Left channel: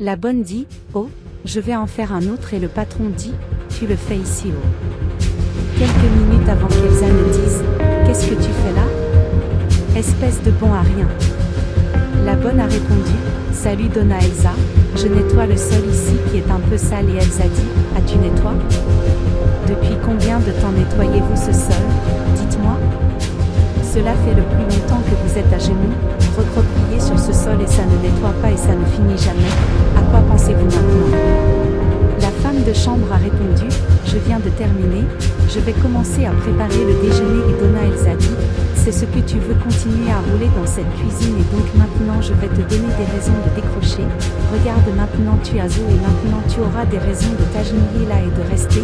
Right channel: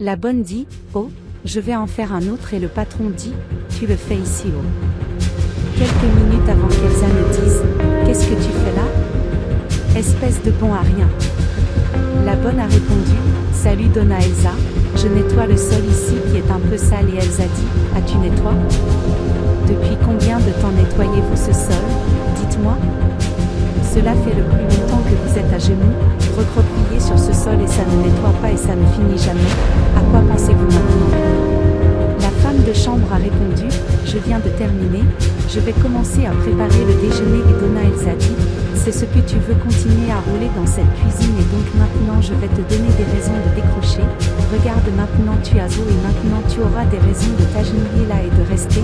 La bonne dit, oh, je vais en faire un autre et le patron dit, tu le fais ici oh. Quelques minutes avant qu'Elsa ne dise, qu'est-ce que tu fais là? Espèce de bon à rien. La bonne a répondu, salut Donna Elsa, je nettoie le sol ici qui est un peu sale et Elsa dit, ah tu nettoies? Depuis combien de temps nettoyez-vous ce sol? Dites-moi. Cela fait le plus longtemps que vous êtes à genoux, recroquevillé sur ce sol et ça ne nettoie pas et ça ne finit jamais. À quoi pensez-vous maintenant? La femme de chambre a répondu, je viens de terminer, je vais commencer à préparer le déjeuner et Donna Elsa dit, c'est ce que tu veux continuer à rouler dans cette cuisine et donc maintenant je vais te donner des raisons de décrocher, regarde maintenant tu as eau et maintenant tu auras des raisons de t'agenouiller là et de rester,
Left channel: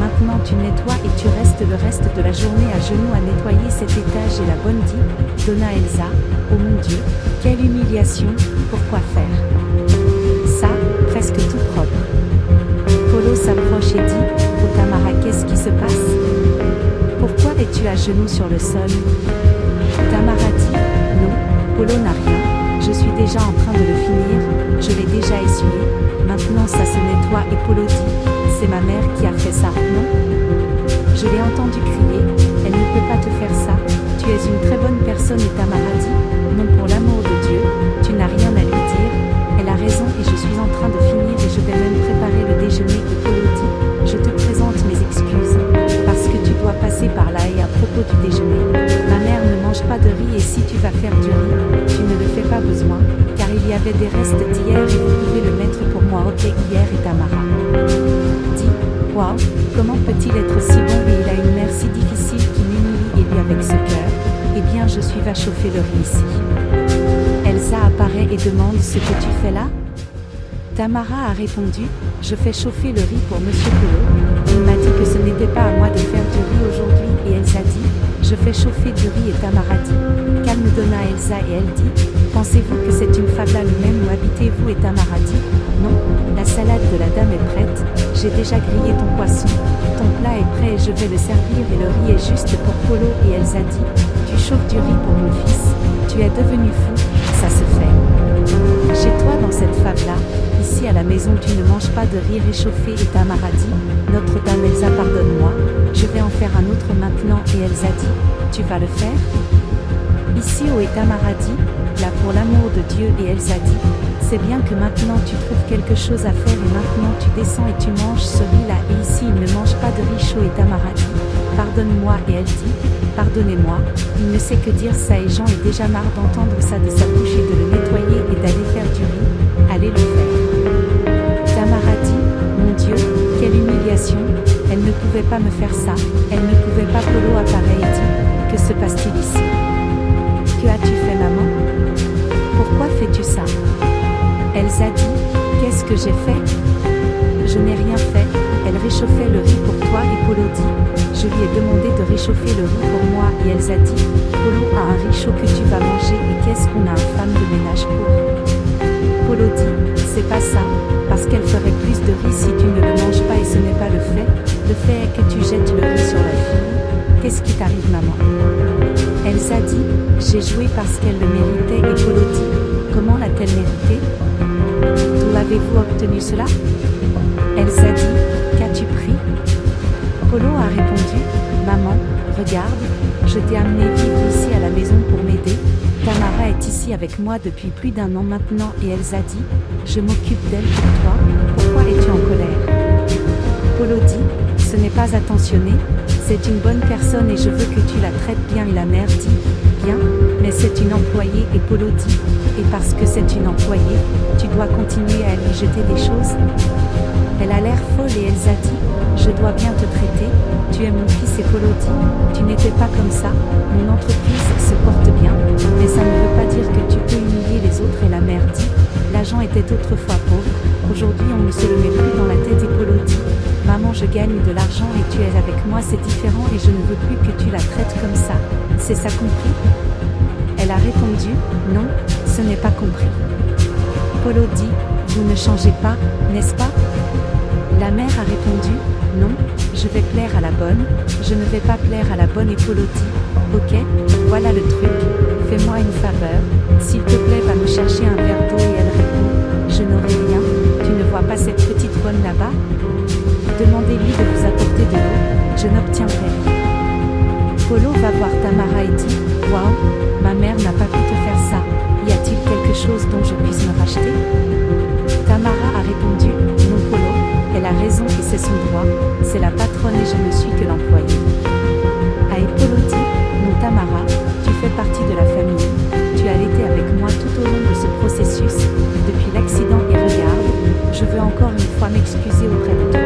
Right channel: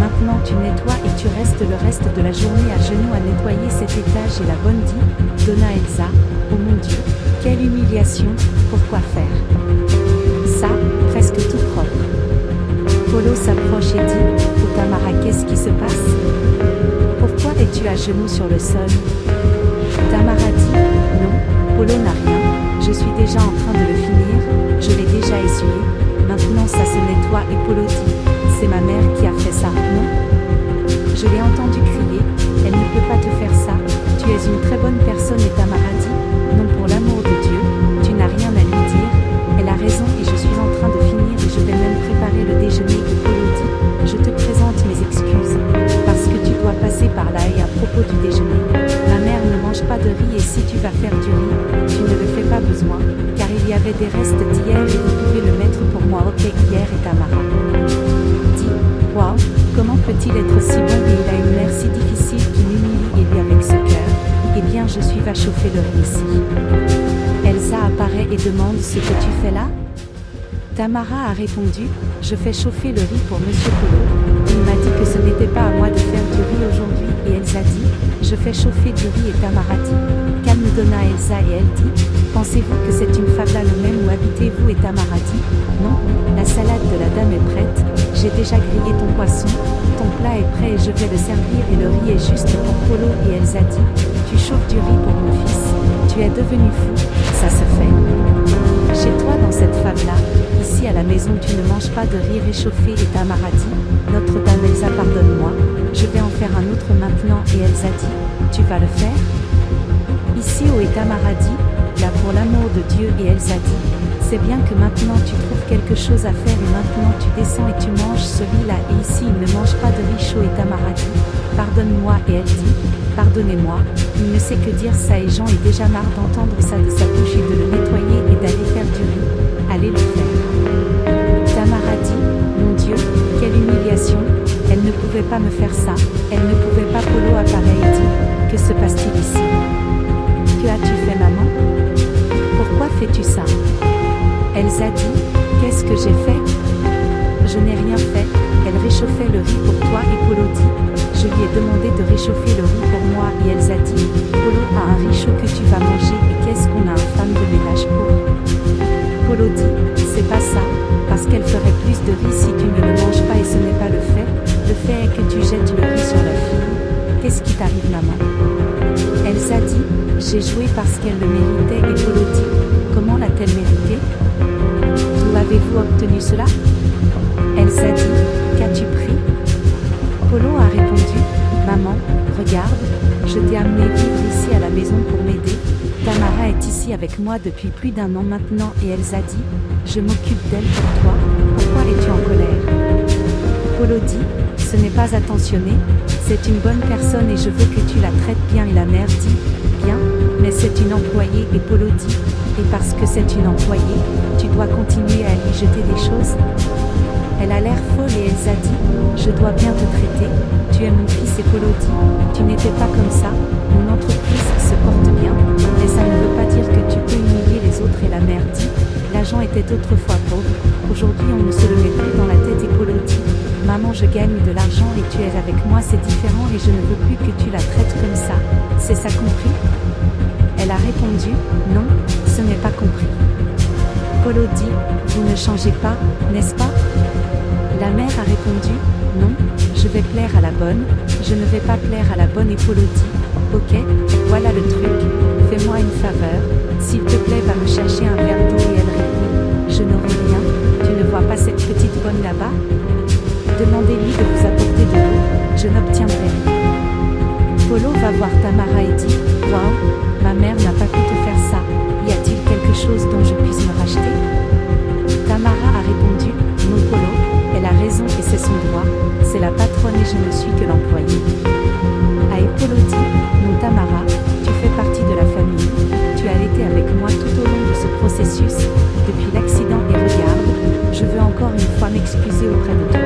maintenant tu nettoies et tu restes le reste de la journée à genoux à nettoyer cet étage et la bonne dit, Donna Elsa, oh mon Dieu, quelle humiliation, pourquoi faire ça, presque tout propre. Polo s'approche et dit, oh Tamara qu'est-ce qui se passe? Pourquoi es-tu à genoux sur le sol? Tamara dit, non, Polo n'a rien, je suis déjà en train de le finir, je l'ai déjà essuyé, maintenant ça se nettoie et Polo dit, c'est ma mère qui a fait ça, non? Je l'ai entendu crier, elle ne peut pas te faire ça, tu es une très bonne personne et Tamara dit, non pour l'amour de Dieu, tu n'as rien à lui dire, elle a raison et je suis en train de finir et je vais même préparer le déjeuner et Polo dit, je te présente mes excuses, parce que tu dois passer par là et à propos du déjeuner, ma mère ne mange pas de riz et si tu vas faire du riz, tu ne le fais pas besoin, car il y avait des restes d'hier et vous pouvez le mettre pour moi ok hier et Tamara dit, waouh, comment peut-il être si bon et il a une mère si difficile qui m'humilie et lui avec ce cœur, eh bien je suis va chauffer le riz ici. Elsa apparaît et demande ce que tu fais là? Tamara a répondu, je fais chauffer le riz pour Monsieur Polo, il m'a dit que ce n'était pas à moi de faire du riz aujourd'hui et Elsa dit, je fais chauffer du riz et Tamara dit, calme Donna Elsa et elle dit, pensez-vous que c'est une fabla le même où habitez-vous et Tamara dit, non, la salade de la dame est prête, j'ai déjà grillé ton poisson, ton plat est prêt et je vais le servir et le riz est juste pour Polo et Elsa dit, tu chauffes du riz pour mon fils, tu es devenu fou, ça se fait. Chez toi dans cette fable-là, ici à la maison tu ne manges pas de riz réchauffé et Tamara dit, Notre-Dame Elsa pardonne-moi, je vais en faire un autre maintenant et Elsa dit, tu vas le faire? Ici et Tamara dit, là pour l'amour de Dieu et Elsa dit, c'est bien que maintenant tu trouves quelque chose à faire et maintenant tu descends et tu manges ce riz là et ici il ne mange pas de riz chaud et Tamara dit, pardonne-moi et elle dit, pardonnez-moi, il ne sait que dire ça et Jean est déjà marre d'entendre ça de sa bouche et de le nettoyer et d'aller faire du riz, allez le faire. Tamara dit, mon Dieu, quelle humiliation, elle ne pouvait pas me faire ça, elle ne pouvait pas Polo apparaît et dit, que se passe-t-il ici? Que as-tu fait maman? Pourquoi fais-tu ça? Elsa dit, qu'est-ce que j'ai fait? Je n'ai rien fait, elle réchauffait le riz pour toi et Polo dit, je lui ai demandé de réchauffer le riz pour moi et Elsa dit, Polo a un riz chaud que tu vas manger et qu'est-ce qu'on a un femme de ménage pour? Polo dit, c'est pas ça, parce qu'elle ferait plus de riz si tu ne le manges pas et ce n'est pas le fait est que tu jettes le riz sur la fille, qu'est-ce qui t'arrive maman? Elsa dit, j'ai joué parce qu'elle le méritait et Polo dit, comment l'a-t-elle mérité? D'où avez-vous obtenu cela? Elsa dit, qu'as-tu pris? Polo a répondu, maman, regarde, je t'ai amené vivre ici à la maison pour m'aider, Tamara est ici avec moi depuis plus d'1 an maintenant et Elsa dit, je m'occupe d'elle pour toi, pourquoi es-tu en colère? Polo dit, ce n'est pas attentionné, c'est une bonne personne et je veux que tu la traites bien et la mère dit, bien, mais c'est une employée et Polo dit, et parce que c'est une employée, tu dois continuer à lui jeter des choses? Elle a l'air folle et Elsa dit, je dois bien te traiter, tu es mon fils et Polo dit, tu n'étais pas comme ça, mon entreprise se porte bien, mais ça ne veut pas dire que tu peux humilier les autres et la mère dit, l'agent était autrefois pauvre, aujourd'hui on ne se le met plus dans la tête et Polo dit, maman je gagne de l'argent et tu es avec moi c'est différent et je ne veux plus que tu la traites comme ça, c'est ça compris? Elle a répondu, non, ce n'est pas compris. Polo dit, vous ne changez pas, n'est-ce pas? La mère a répondu, non, je vais plaire à la bonne, je ne vais pas plaire à la bonne et Polo dit, ok, voilà le truc, fais-moi une faveur, s'il te plaît va me chercher un verre d'eau et elle répond, je n'aurai rien, vois pas cette petite bonne là-bas? Demandez-lui de vous apporter de l'eau, je n'obtiendrai rien. Polo va voir Tamara et dit, waouh, ma mère n'a pas pu te faire ça, y a-t-il quelque chose dont je puisse me racheter? Tamara a répondu, non Polo, elle a raison et c'est son droit, c'est la patronne et je ne suis que l'employé. Et Polo dit, non Tamara, tu fais partie de la famille, tu as été avec moi tout au long de ce processus, depuis l'accident et regarde, je veux encore une fois m'excuser auprès de toi.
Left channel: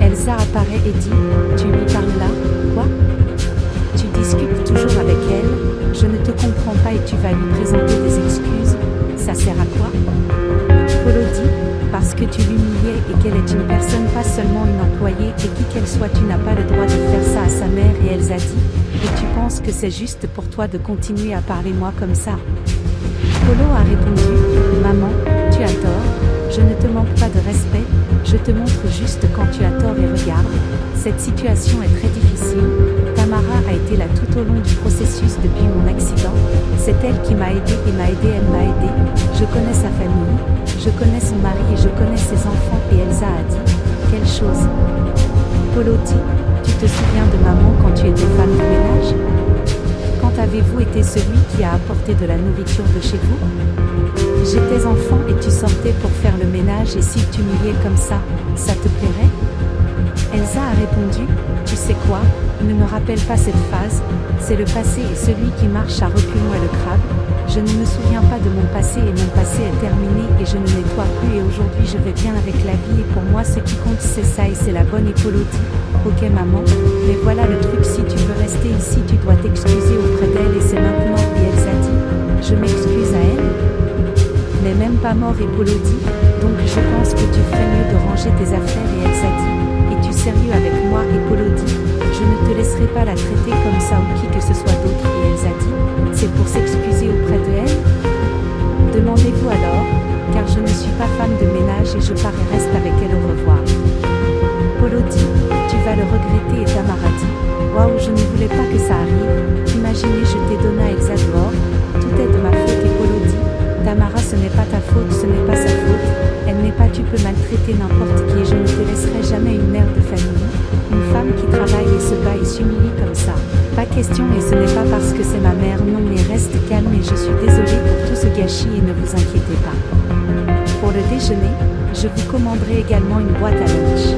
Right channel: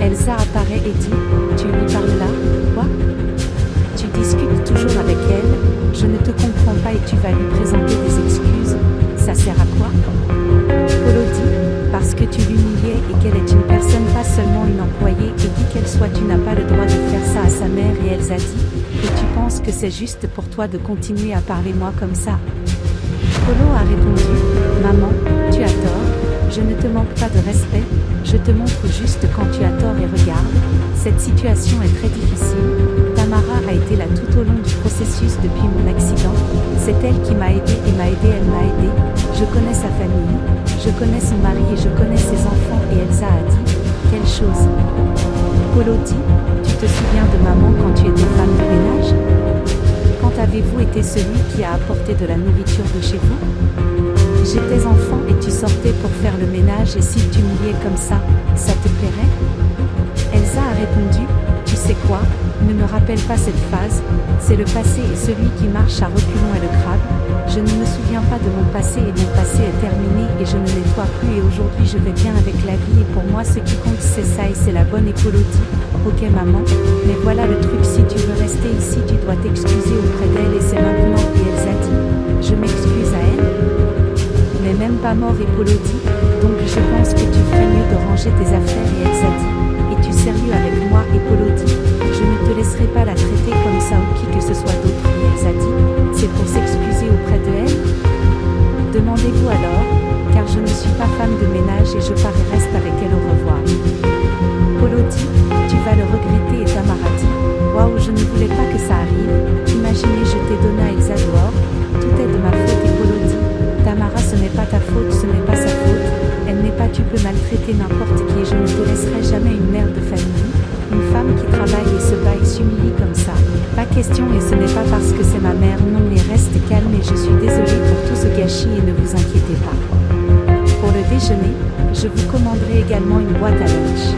Elsa apparaît et dit, tu lui parles là, quoi? Tu discutes toujours avec elle, je ne te comprends pas et tu vas lui présenter des excuses, ça sert à quoi? Polo dit, parce que tu l'humiliais et qu'elle est une personne pas seulement une employée et qui qu'elle soit tu n'as pas le droit de faire ça à sa mère et Elsa dit, et tu penses que c'est juste pour toi de continuer à parler moi comme ça? Polo a répondu, maman, tu as tort, je ne te manque pas de respect, je te montre juste quand tu as tort et regarde, cette situation est très difficile, Tamara a été là tout au long du processus depuis mon accident, c'est elle qui m'a aidé et m'a aidé, elle m'a aidé, je connais sa famille, je connais son mari et je connais ses enfants et Elsa a dit, quelle chose? Polo dit, tu te souviens de maman quand tu étais femme de ménage? Quand avez-vous été celui qui a apporté de la nourriture de chez vous? J'étais enfant et tu sortais pour faire le ménage et s'il t'humiliait comme ça te plairait? Elsa a répondu, tu sais quoi, ne me rappelle pas cette phase, c'est le passé et celui qui marche à reculons est le crabe, je ne me souviens pas de mon passé et mon passé est terminé et je ne nettoie plus et aujourd'hui je vais bien avec la vie et pour moi ce qui compte c'est ça et c'est la bonne. Et Polo dit, ok maman, mais voilà le truc, si tu veux rester ici tu dois t'excuser auprès d'elle et c'est maintenant. Et Elsa dit, je m'excuse à elle? Mais même pas mort. Et Polo dit, donc je pense que tu ferais mieux de ranger tes affaires. Et Elsa dit, es-tu sérieux avec moi? Et Polo dit, je ne te laisserai pas la traiter comme ça ou qui que ce soit d'autre. Et Elsa dit, c'est pour s'excuser auprès de elle? Demandez-vous alors, car je ne suis pas femme de ménage et je pars et reste avec elle, au revoir. Polo dit, tu vas le regretter. Et Tamara dit, waouh, je ne voulais pas que ça arrive, imaginez je t'ai donné à Elsa dehors, tout est de ma faute. Et Polo dit, Tamara ce n'est pas ta faute, ce n'est pas sa faute, elle n'est pas, tu peux maltraiter n'importe qui et je ne te laisserai jamais une mère de famille, une femme qui travaille et se bat et s'humilie comme ça. Pas question et ce n'est pas parce que c'est ma mère, non et reste calme et je suis désolée pour tout ce gâchis et ne vous inquiétez pas. Pour le déjeuner, je vous commanderai également une boîte à lunch.